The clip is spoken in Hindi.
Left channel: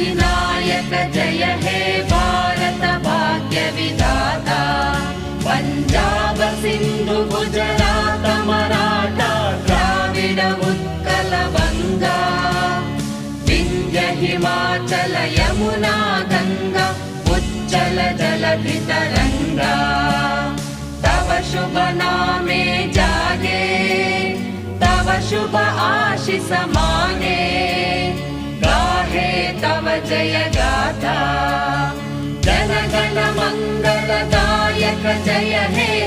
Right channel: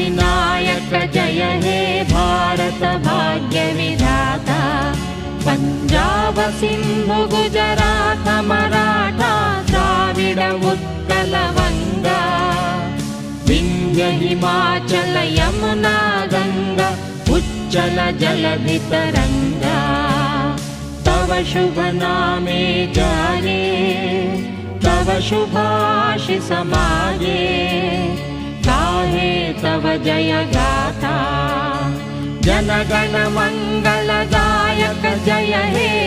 अधिनायक जय हे भारत भाग्य विधाता पंजाब सिंधु गुजरात मराठा द्राविड उत्कल बंगा विंध्य हिमाचल यमुना गंगा उच्चल जलधि तरंगा तव शुभ नामे जाने तव शुभ आशीष माने गाहे तव जय गाथा जन गण मंगलदायक जय हे